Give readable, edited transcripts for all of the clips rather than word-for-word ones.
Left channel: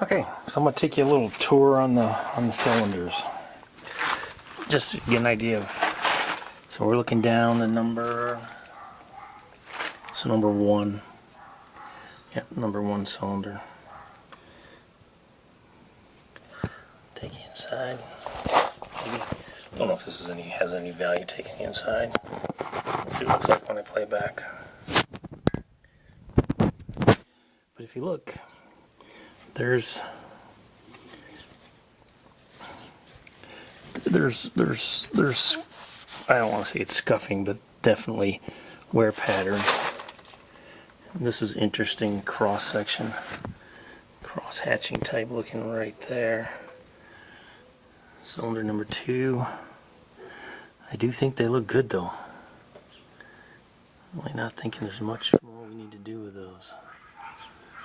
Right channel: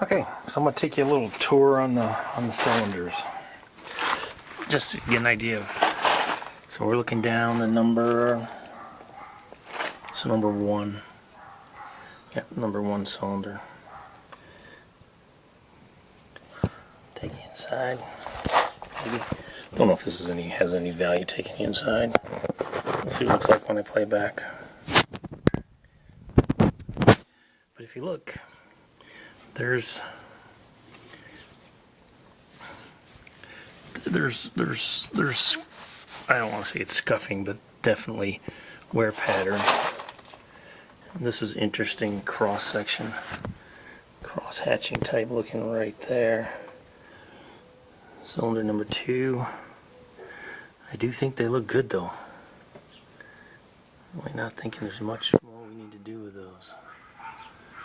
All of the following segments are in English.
Okay, so I'm gonna take you a little tour on the cylinders, just to get an idea of. So we're looking down the number. So number 1. Yep, number 1 cylinder. Take it inside. Don't know if this has any value taking it inside. Let's see what it looks like when I play back. But if you look, there's I don't want to say it's scuffing, but definitely wear pattern. And this is interesting cross section, cross hatching type looking right there. Cylinder number 2. I do think they look good though. Really not thinking there's much more we need to do with those.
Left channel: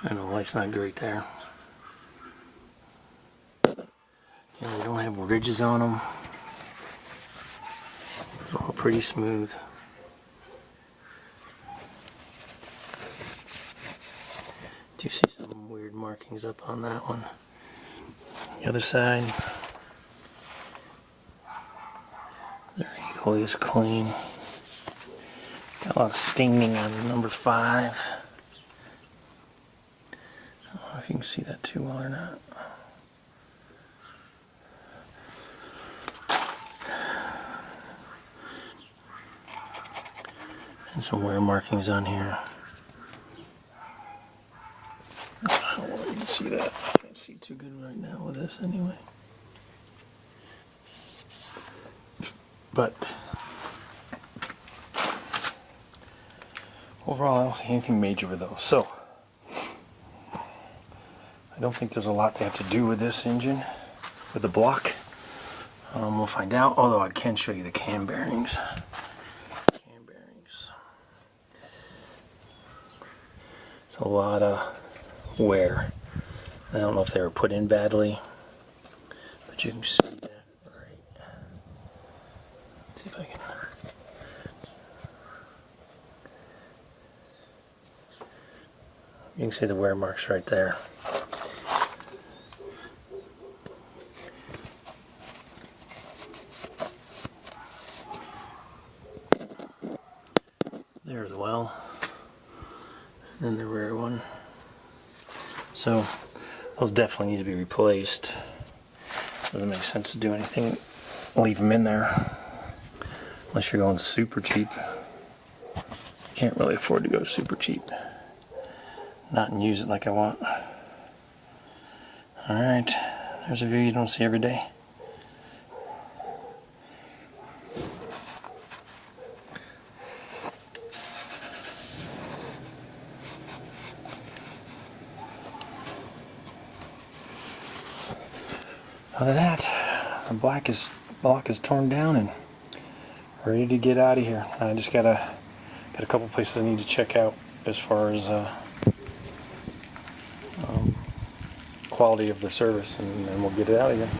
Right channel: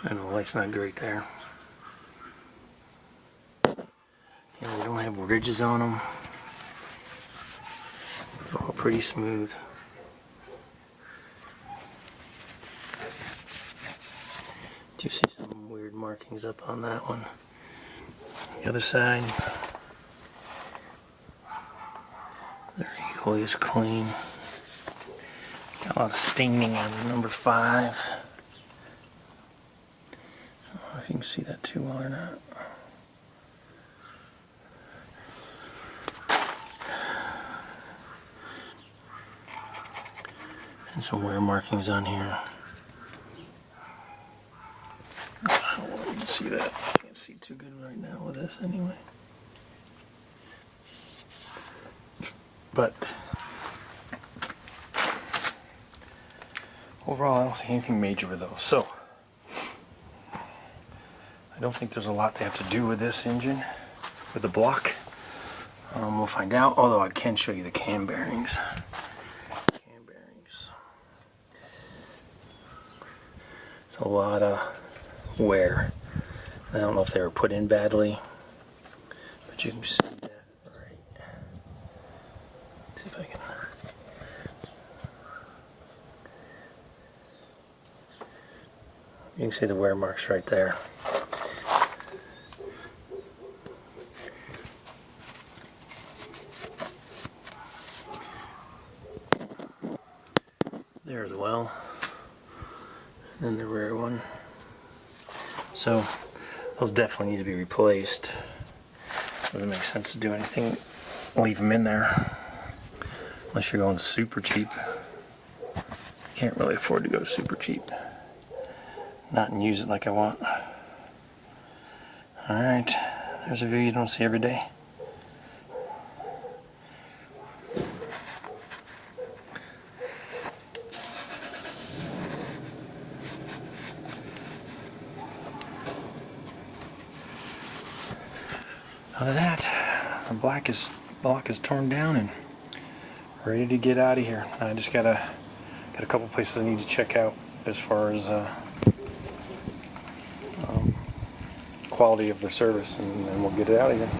I know the light's not great there. Yeah, they don't have ridges on them. They're all pretty smooth. Do you see some weird markings up on that one? The other side, they're equally as clean. Got a lot of stinging on number 5. I don't know if you can see that too well or not. And some wear markings on here. I don't want you to see that. I can't see too good right now with this anyway. But overall, I don't see anything major with those. So I don't think there's a lot to have to do with this engine, with the block. We'll find out. Although I can show you the cam bearings. It's a lot of wear. I don't know if they were put in badly, but you can see that right. Let's see if I can. You can see the wear marks right there. There as well. And then the rear one. So those definitely need to be replaced. Doesn't make sense to do anything, leave them in there, unless you're going super cheap. Can't really afford to go super cheap. Not and use it like I want. Alright, there's a view you don't see every day. Other than that, the block is torn down and ready to get out of here. I just got a couple places I need to check out as far as quality of their service, and then we'll get it out of here.